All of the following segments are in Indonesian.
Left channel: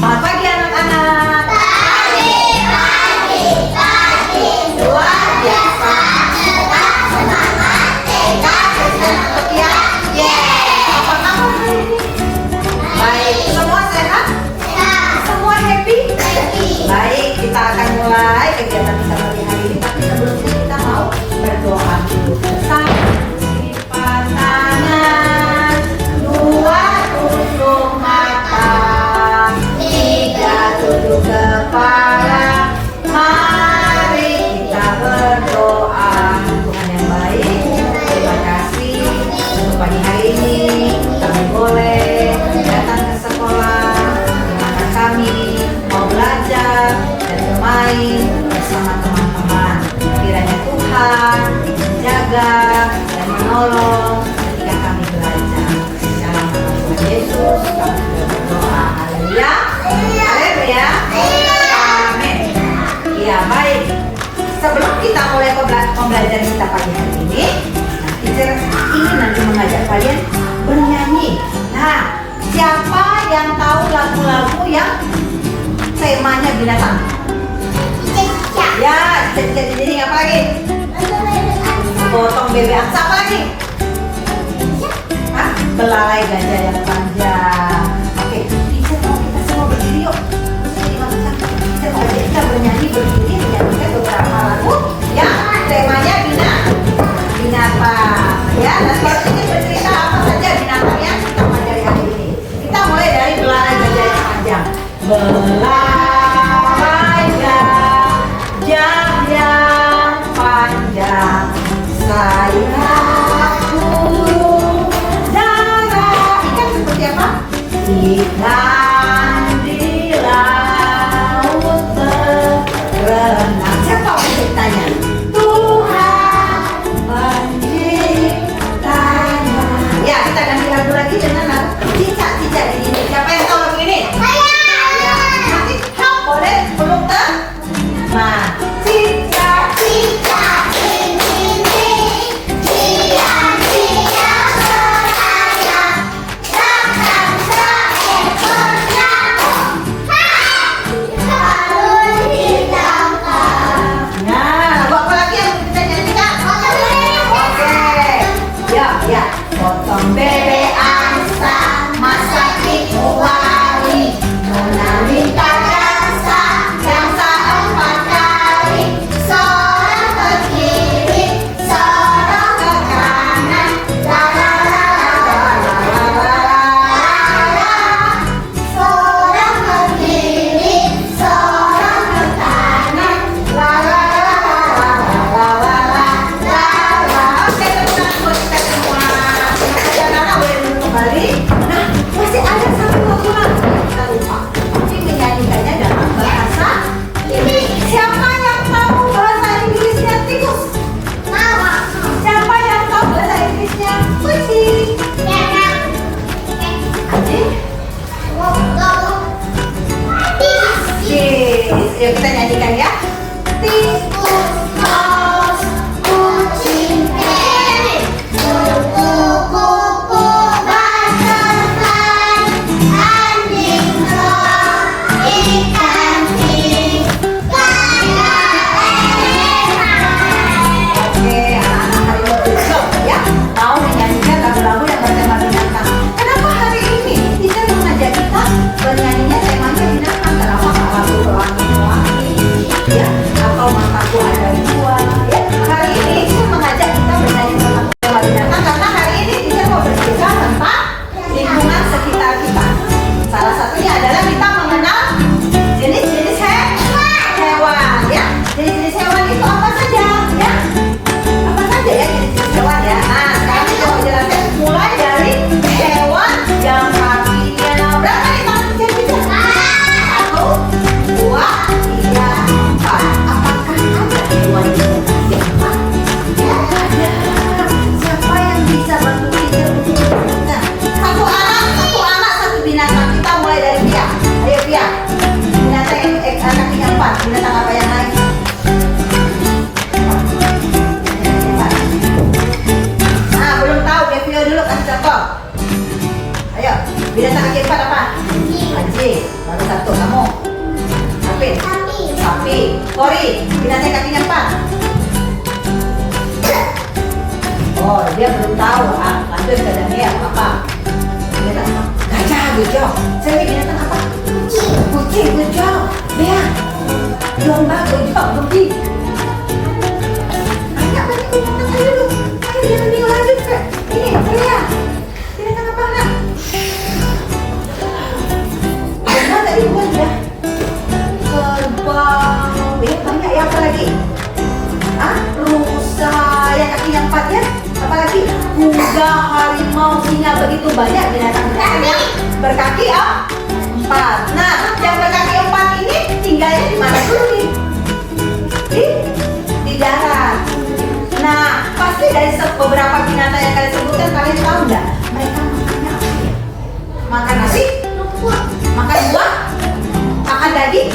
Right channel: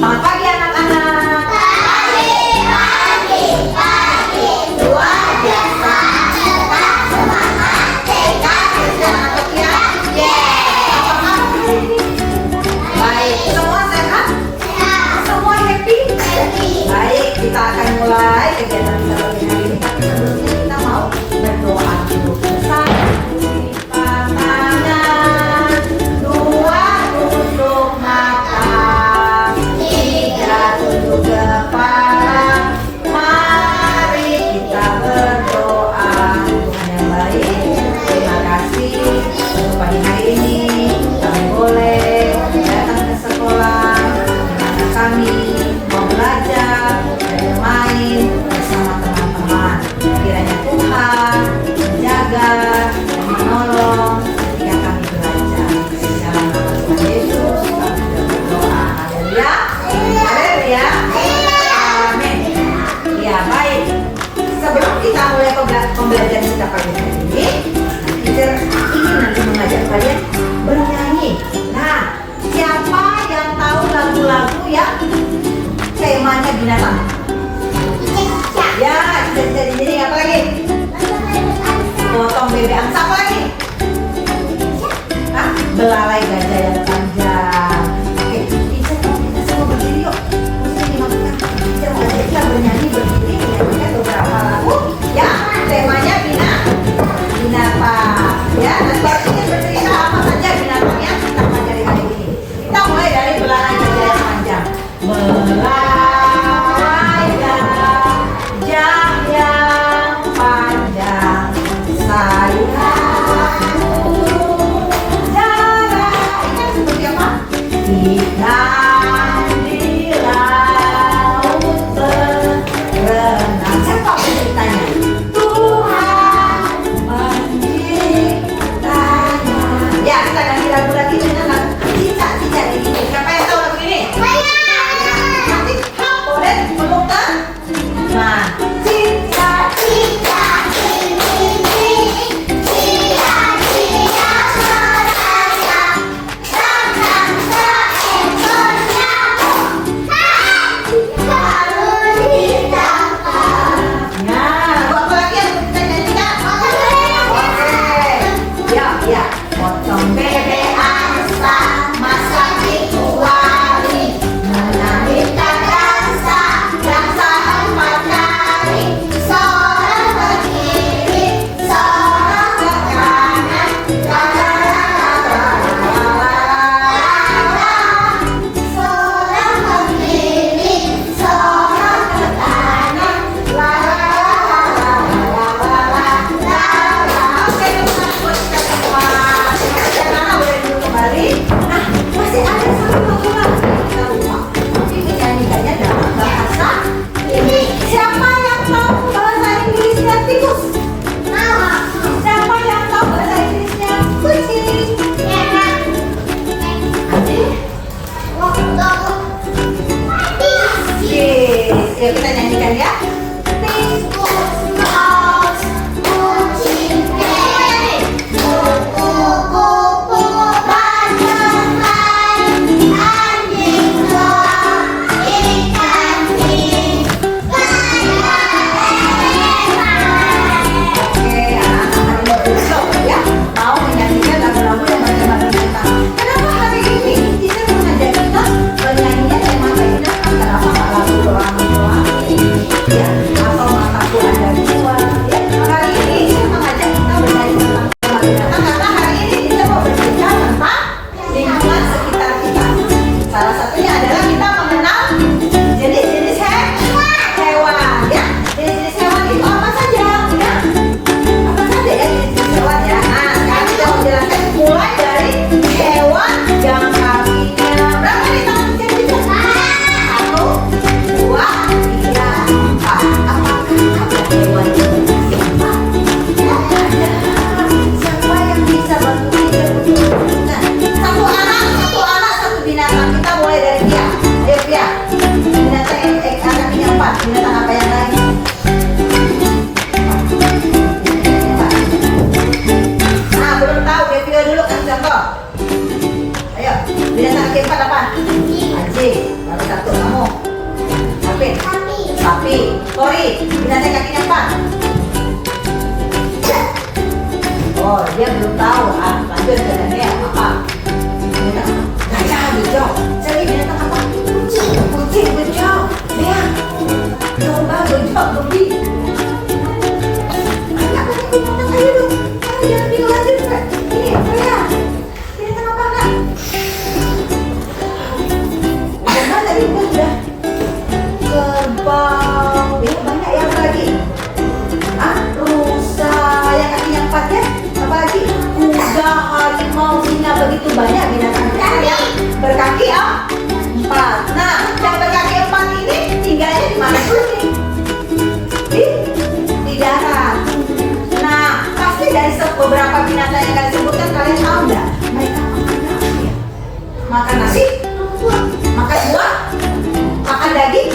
Selamat pagi anak-anak. Pagi. Luar biasa. Tetap semangat. Tekad semangat ya. Apa hari ini? Baik, semua sehat? Semua happy? Baik, kita akan mulai kegiatan kita pagi hari ini. Tapi sebelum itu kita mau berdoa dulu. Pembelajaran kita pagi hari ini, teacher ingin nanti mengajak kalian bernyanyi. Nah, siapa yang tahu lagu-lagu yang temanya binatang? Ya, jadi apa lagi? Potong bebek angsa apa lagi? Hah? Belalai gajah yang panjang. Oke, teacher mau kita semua berdiri yuk. Teacher mau kita bernyanyi berdiri menyanyikan beberapa lagu yang temanya binatang. Ya, dan baru ini bercerita apa saja binatang yang kita pelajari hari ini. Kita mulai dari belalai gajah yang panjang. Belalai gajah yang panjang, saya darah. Ikan seperti apa? Ikan di laut berenang. Siapa penciptanya? Yuk kita nyanyikan ya. Binatang kaki empat apa? Anjing. Baru satu. sapi. Kori, binatang kakinya 4. Oh, dia belum tahu. Lanjut ke Daniel, apa? Gajah, gajah. Saya binatang apa? Kucing, gajah. Dia domba, gajah, babi. Ayo, jangan bingung lagi. Ini, saya. Binatang apa enggak? Domba tadi udah. Kerbau. Ya, banyak yang lagi. Rusa yang kakinya 4 ya. Apa lagi? Kuda, harimau, singa, begitu banyak binatang yang berkaki 4. Nah, yang berkaki 4 ini tinggalnya di mana dulu nih? Di darat. Nah, pasti dari beberapa binatang yang kalian sebutkan, kalian tahu nggak? Mereka makan nasi, makan buah, makan daging.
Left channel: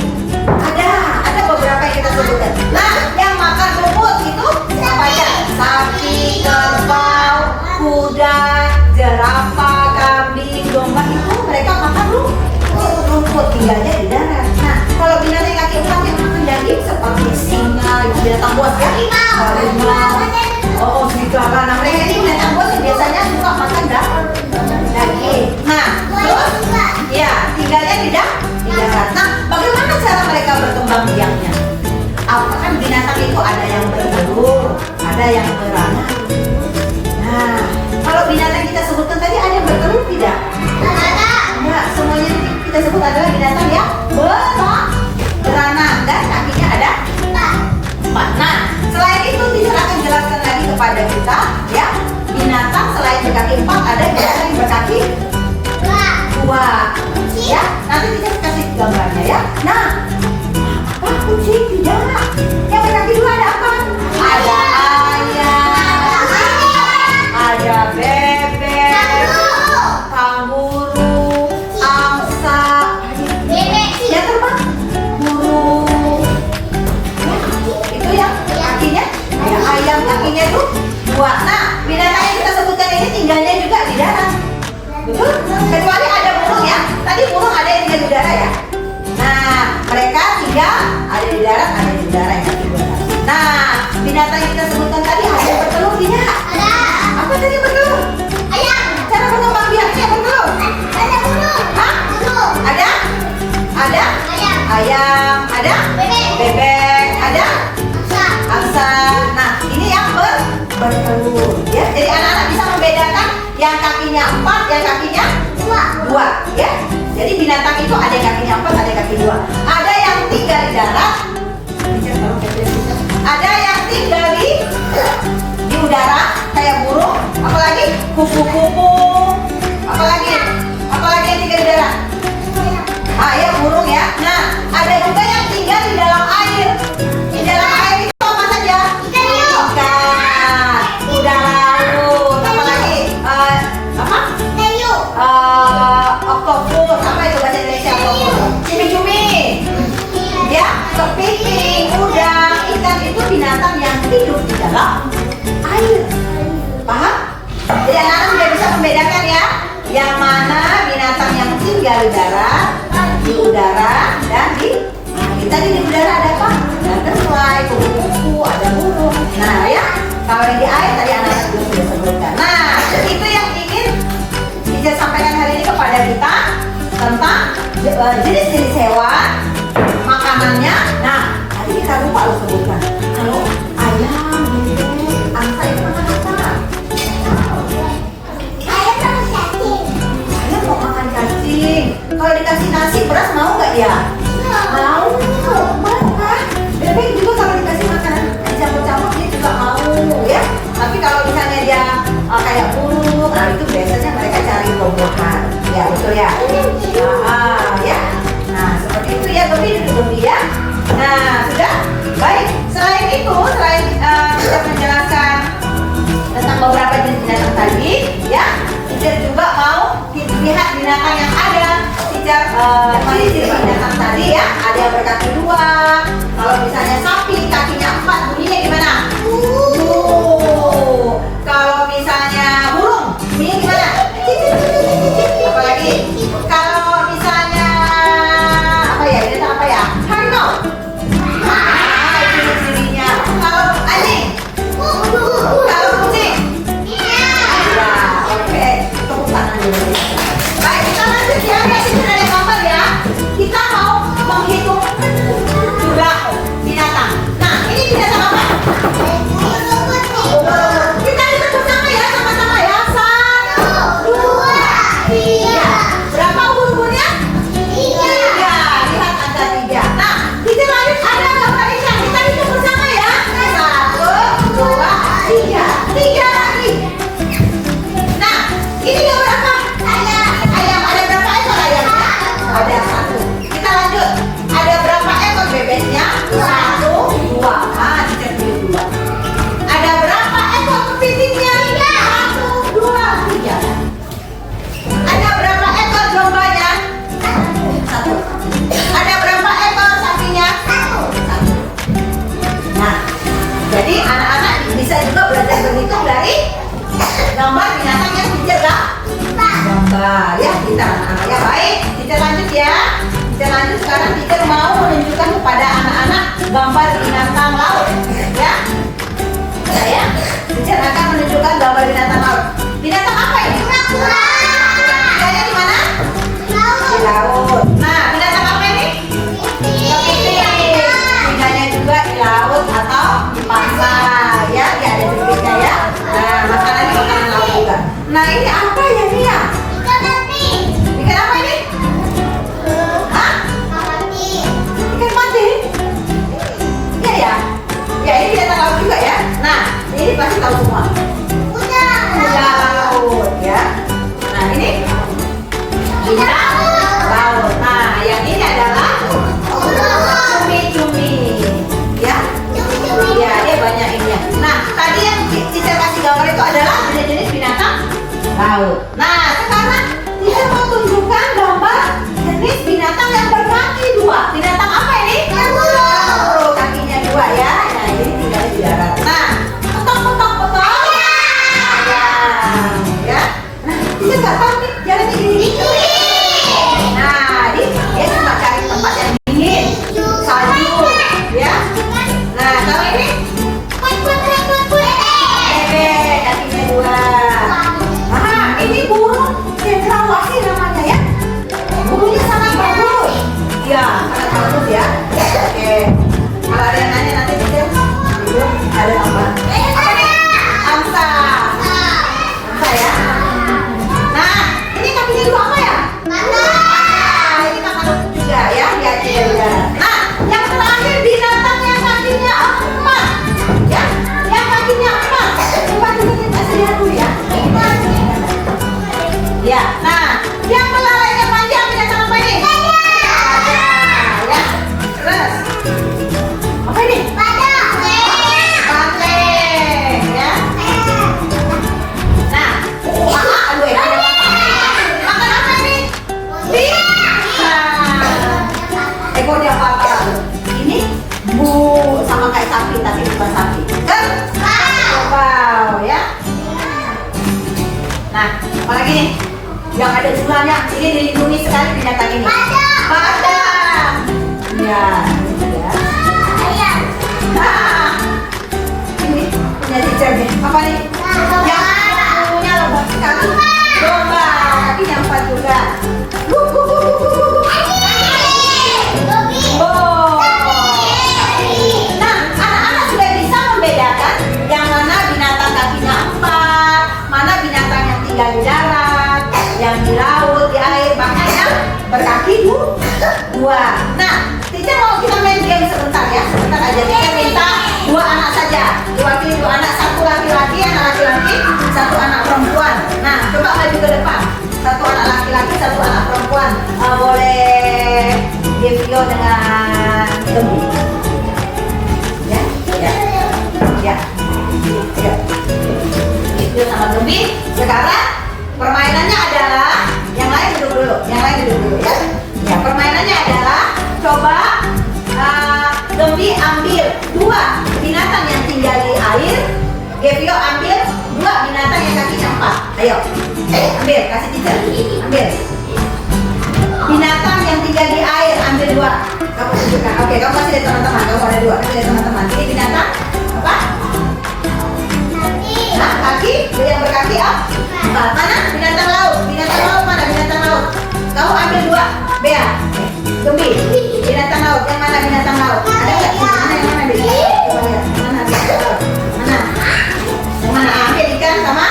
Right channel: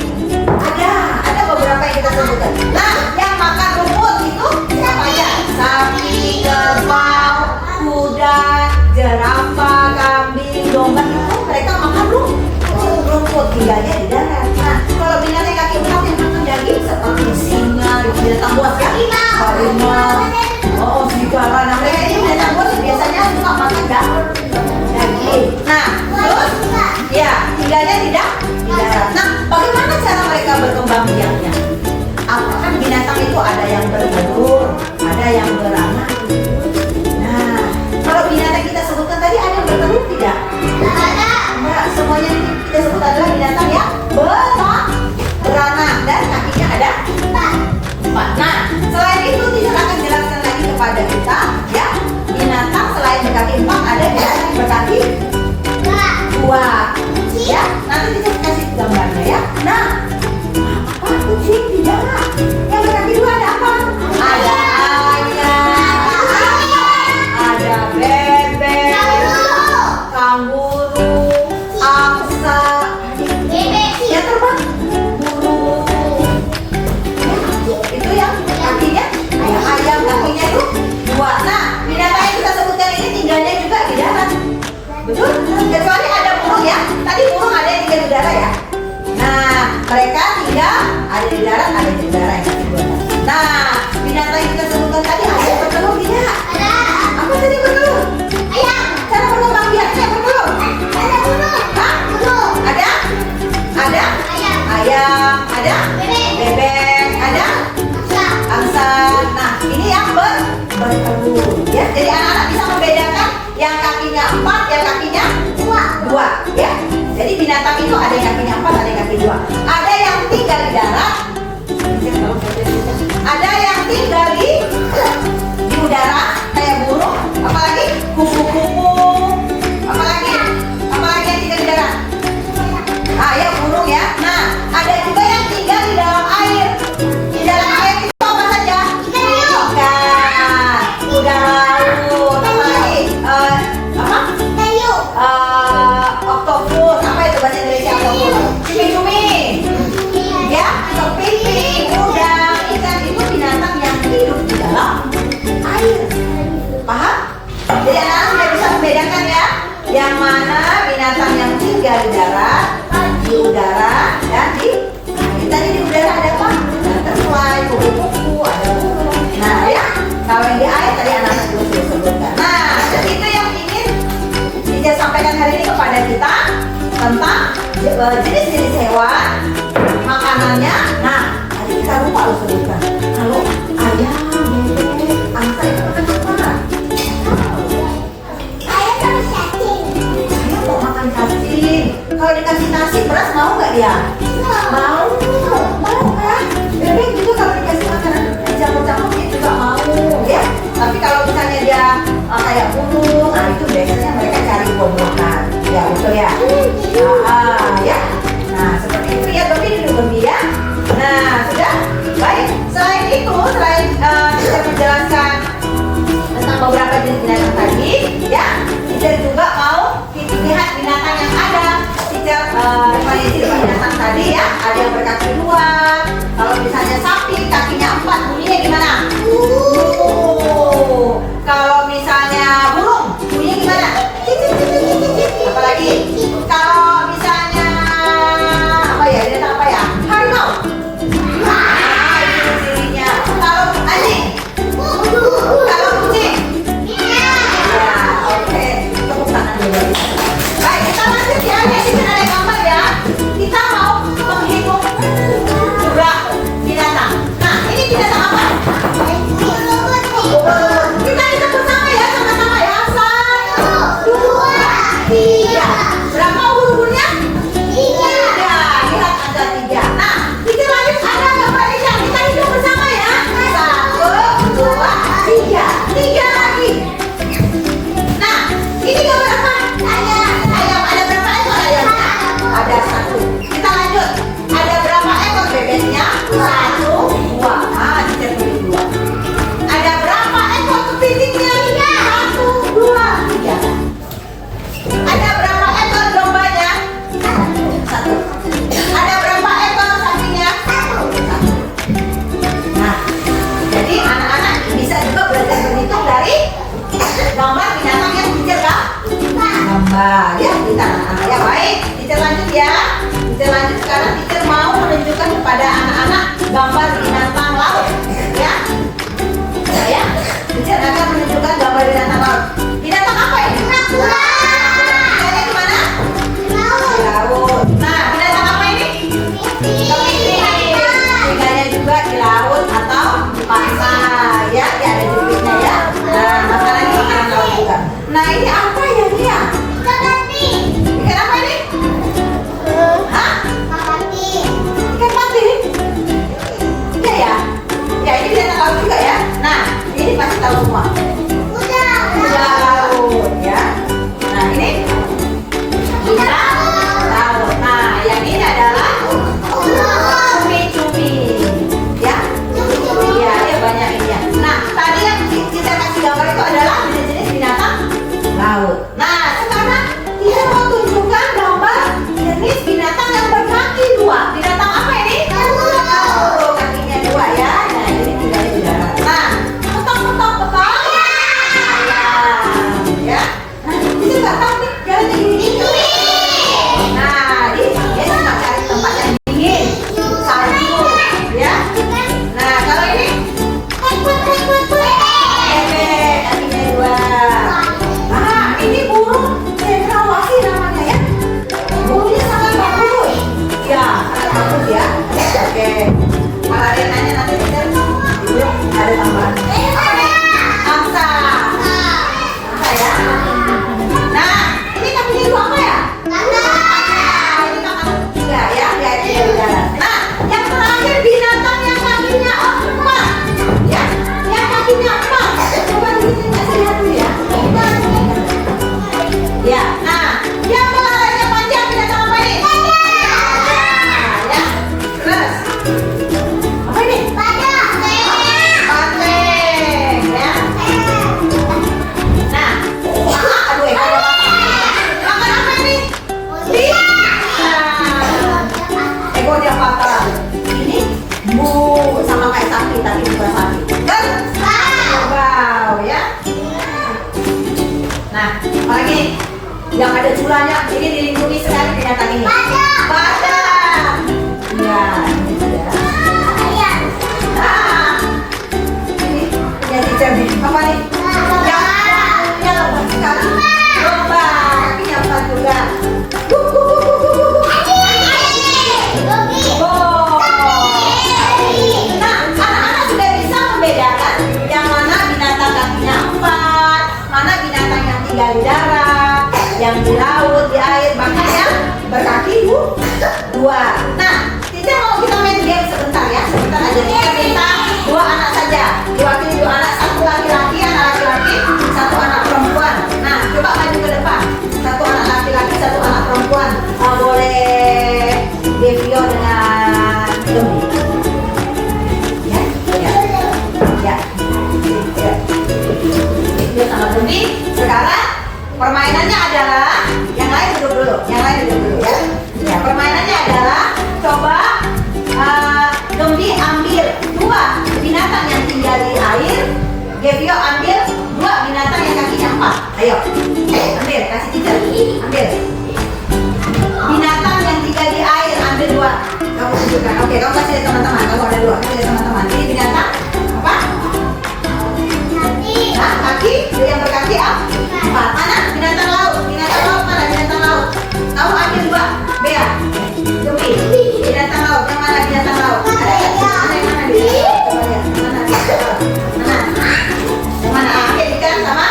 Ada beberapa yang kita sebutkan. Nah, yang makan rumput itu siapa aja? Sapi, kerbau, kuda, jerapah, kambing, domba itu mereka makan rumput, tinggalnya di darat. Nah, kalau binatang kaki 4 yang makan daging seperti singa, binatang buas ya, harimau, serigala. Nah, mereka ini binatang buas yang biasanya suka makan daging. Nah, terus ya tinggalnya di darat. Nah, bagaimana cara mereka berkembang biaknya? Apakah binatang itu ada yang bertelur, ada yang beranak? Nah, kalau binatang kita sebutkan tadi ada yang bertelur tidak? Enggak, semuanya kita sebut adalah binatang yang beranak dan kakinya ada 4. Nah, selain itu tidak akan jelaskan lagi kepada kita ya, binatang selain berkaki 4 ada binatang yang berkaki 2. Ya, nanti kita kasih gambarnya ya. Nah, apa kucing di darat? Yang berkaki 2 ada apa? Ada ayam, ada bebek, kanguru, angsa, ya terbang, burung. Itu yang kakinya, ayam kakinya itu 2. Nah, binatang yang kita sebutkan ini tinggalnya juga di darat. Betul? Kecuali ada burung ya. Tadi burung ada yang tinggal di udara ya. Nah, mereka tinggal ada di darat, ada di udara yang di udara. Nah, binatang yang kita sebutkan tadi ada yang bertelur tidak? Ada. Apa tadi bertelur? Ayam. Cara berkembang biaknya bertelur? Ada burung. Hah? Burung. Ada? Ada? Ayam. Ayam. Ada? Bebek. Ada? Angsa. Nah, ini yang bertelur. Ya, jadi anak-anak bisa membedakan yang kakinya 4, yang kakinya 2 ya. Jadi binatang itu ada yang kakinya 4, ada yang kaki 2. Ada yang tinggal di darat, ada yang tinggal di udara kayak burung, apalagi kupu-kupu, apalagi yang tinggal di darat. Ya burung ya. Nah, ada juga yang tinggal di dalam air. Di dalam air itu apa saja? Ikan, kuda laut, apalagi oktopus, apa itu bahasa Indonesia oktopus? Cumi-cumi, ya, kepiting, udang, ikan itu binatang yang hidup di dalam air. Paham? Jadi anak-anak sudah bisa membedakan ya, yang mana binatang yang tinggal di darat, di udara, dan di udara ada apa? Ada terfly, kupu-kupu, ada burung. Nah ya, kalau yang di air tadi anak-anak juga sudah sebutkan. Nah, jadi itu yang ingin saya sampaikan hari ini kepada kita tentang jenis-jenis hewan, makanannya. Nah, tadi kita lupa loh sebutkan. Kalau ayam, bebek, angsa itu makan apa? Ayam mau makan cacing. Kalau dikasih nasi beras mau nggak dia? Mau. Beras kan? Bebek juga kalau dikasih makanan campur-campur dia juga mau ya. Tapi kalau misalnya dia kayak burung, nah itu biasanya mereka cari komokan. Ya betul ya. Ya. Nah seperti itu ya, Dobi ya. Nah sudah baik. Selain itu, kita menjelaskan tentang beberapa jenis binatang tadi, ya. Kita juga mau lihat binatang yang ada. Pada jenis binatang tadi ya, ada yang berkaki 2. Kalau misalnya sapi kakinya 4, bunyinya gimana? Kalau misalnya burung, bunyinya gimana? Apalagi kalau misalnya binatang apa ya? Harimau. gambarnya? Tiga. Lihat ada tiga. Nah, kita lanjut ada gambar ini. Kita hitung bersama ya. 1, 2, 3. 3 lagi. Nah, ini gambar apa? Ayam. Ada berapa ekor ayamnya? Ada 1. Kita lanjut. Ada berapa ekor bebeknya? 1, 2. Nah, kita pilih 2. Ada berapa ekor kepitingnya? 1, 2, 3. Ada berapa ekor dombanya? 1. Ada berapa ekor sapinya? 1. Nah, jadi anak-anak bisa juga belajar berhitung dari gambar binatang yang teacher gambar ya. Kita anak-anak ya, baik. Kita lanjut ya. Kita lanjut sekarang. Teacher mau menunjukkan kepada anak-anak gambar binatang laut ya. Ya, teacher akan menunjukkan gambar binatang laut. Binatang apa ini? Tinggalnya di mana? Di laut. Nah, binatang apa ini? Kepiting. Tinggalnya juga di laut atau di pantai ya. Ya, ada jenisnya ya. Nah, makanannya makanan laut juga. Nah, ini apa ya dia? Ikan apa ini? Hah? Ikan mati? Iya ya. Ya, ini binatang laut juga ya. Nah, ini pasti tahu semua. Kuda laut ya. Nah, ini binatang laut. Nah, yang ini adalah cumi-cumi ya. Iya, dia banyak ini ya. Nah, tadi yang kita kasih gambar itu adalah jenis-jenis binatang laut. Nah, sekarang kita mau tunjukkan gambar jenis binatang yang berkaki 2. Binatang apa ini? Kanguru. Kakinya 2 ya. Nah, ini tinggal di darat. Nah, potong. Ya. Nah, kita nggak tahu nih jalannya ini. Nah, dia cuma cari tempat yang dingin, salju, ya. Nah, kalau ini bebek, kakinya 2. Nah, ini burung cendrawasih namanya ya. Burungnya sangat bagus. Ya, sangat bagus ya. Oke. Kalau ada yang nanya nanti kita ada tambahan. Apa nih? Angsa. Angsa ya. Nah, ini kakinya 2 apa ya? Nah, ini kakak juga ya. Lihat dia di darat. Nah, yang terakhir binatang yang kakinya 4. Ya, yang kakinya 4. Coba kita lihat dulu ya. Ya, nah, yang belalainya panjang binatang apa ini? Nah, ya, terus apa ini? Banteng, ya. Nah, aduh, ada makan apa ini? Nah, ekornya patah. Ini sama kayak sapi tapi bukan sapi. Wow, ya. Nah, apalagi nih? Yang ada sulanya, ini dilindungi sekali binatang ini. Badak. Ya, ini juga. Ini punya teacher nih. Apa nih? Yang punya kaki domba, kakinya 4 juga. Oh. Nah, anak-anak sudah bisa membedakan yang mana binatang kakinya 4, mana binatang yang tinggal di darat, yang di laut, di air, bahkan yang berkaki 2. Nah, teacher mau kita main game sebentar ya, sebentar aja. Kita minta 2 anak saja, diwakili 2 anak, 1 laki-laki, anak laki-laki, 1 anak perempuan. Nah, coba maju ke depan. 1 anak laki-laki, 1 anak perempuan. Boleh Devio dengan Gembi. Ya, ya, ya. Devio sama Gembi. Sekarang permainannya adalah yang lain duduk dulu ya. Ya, permainannya adalah coba Gembi ambil 2 binatang yang tinggal di air, Devio ambil 2 binatang yang kakinya 4. Ayo, ambil, kasih teacher, ambil. Binatang yang tinggal di air, ambil 2. Kamu tunjukkan. Oke, kamu kasih lihat teman-teman. Kamu ada 2. Kasih lihat teman-teman. Ini binatang apa? Nah, kaki. Yang berkaki 4. Mana? Binatang laut. Binatang laut mana? Binatang laut. Kamu ambil 2. Bea. Gembi. Binatang laut. Yang mana binatang laut? Ada nggak? Mana yang mana? Mana? Mana? Yang mana? Ikan sama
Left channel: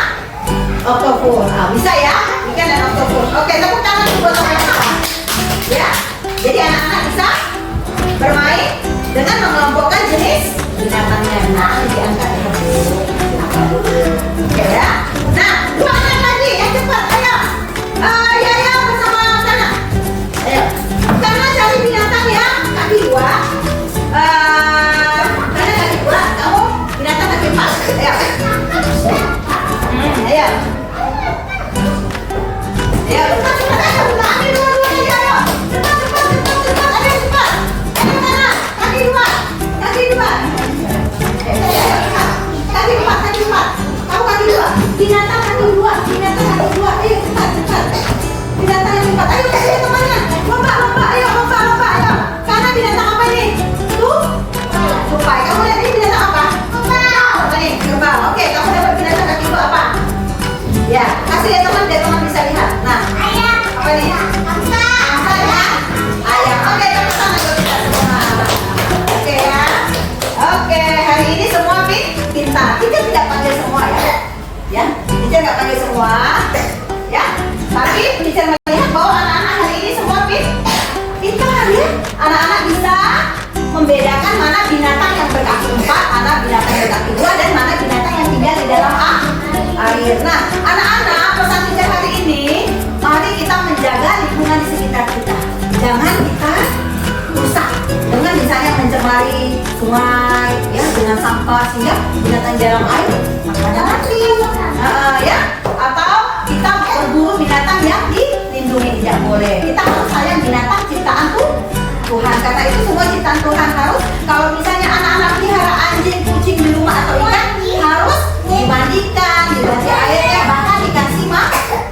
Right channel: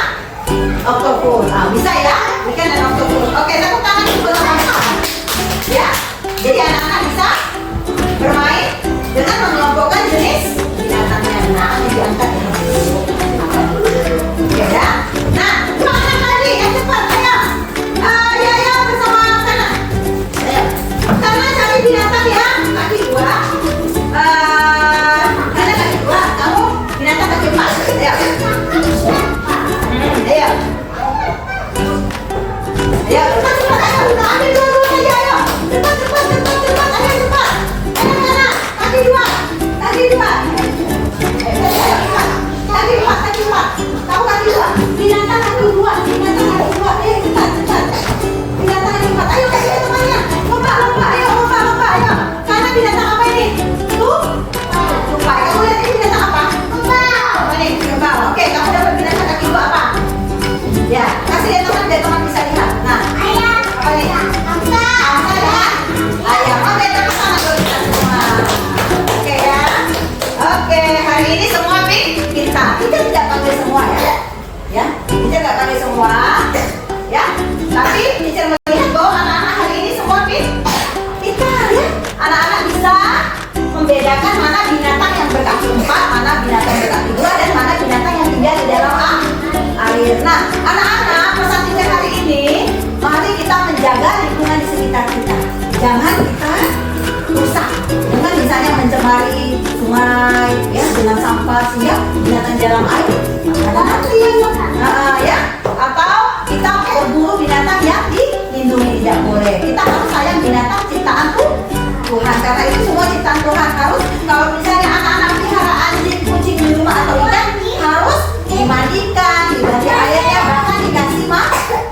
oktopus. Bisa ya? Ikan dan oktopus. Oke, tepuk tangan buat teman-teman. lingkungan di sekitar kita. Jangan kita rusak dengan misalnya mencemari sungai ya dengan sampah sehingga binatang di dalam air ada mati ya, atau kita berburu binatang yang dilindungi tidak boleh. Kita harus sayang binatang ciptaan Tuhan, karena itu semua ciptaan Tuhan. Harus kalau misalnya anak-anak pelihara anjing, kucing di rumah atau ikan harus dimandikan, diganti airnya, bahkan dikasih makan.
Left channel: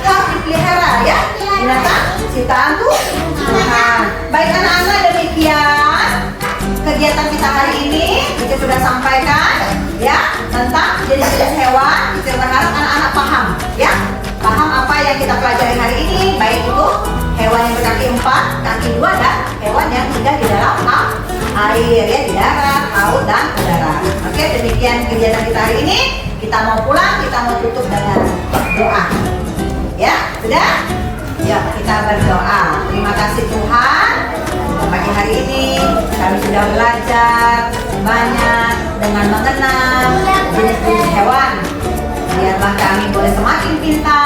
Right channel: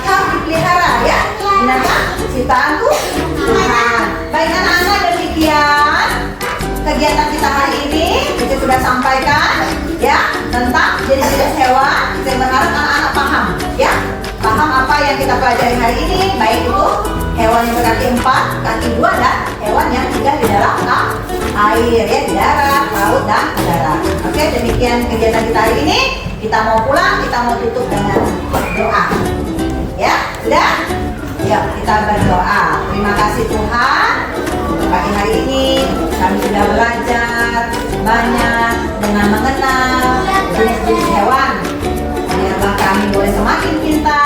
Harus dipelihara ya binatang ciptaan Tuhan. Baik anak-anak, demikian kegiatan kita hari ini. Kita sudah sampaikan ya tentang jenis-jenis hewan. Saya berharap anak-anak paham ya, paham apa yang kita pelajari hari ini, baik itu hewan yang berkaki 4, kaki 2, dan hewan yang hidup di dalam air ya, di darat, laut, dan udara. Oke, demikian kegiatan kita hari ini. Kita mau pulang, kita mau tutup dengan doa ya, sudah? Yuk kita berdoa. Terima kasih Tuhan, pagi hari ini kami sudah belajar banyak dengan mengenal jenis-jenis hewan, biarlah kami boleh semakin pintar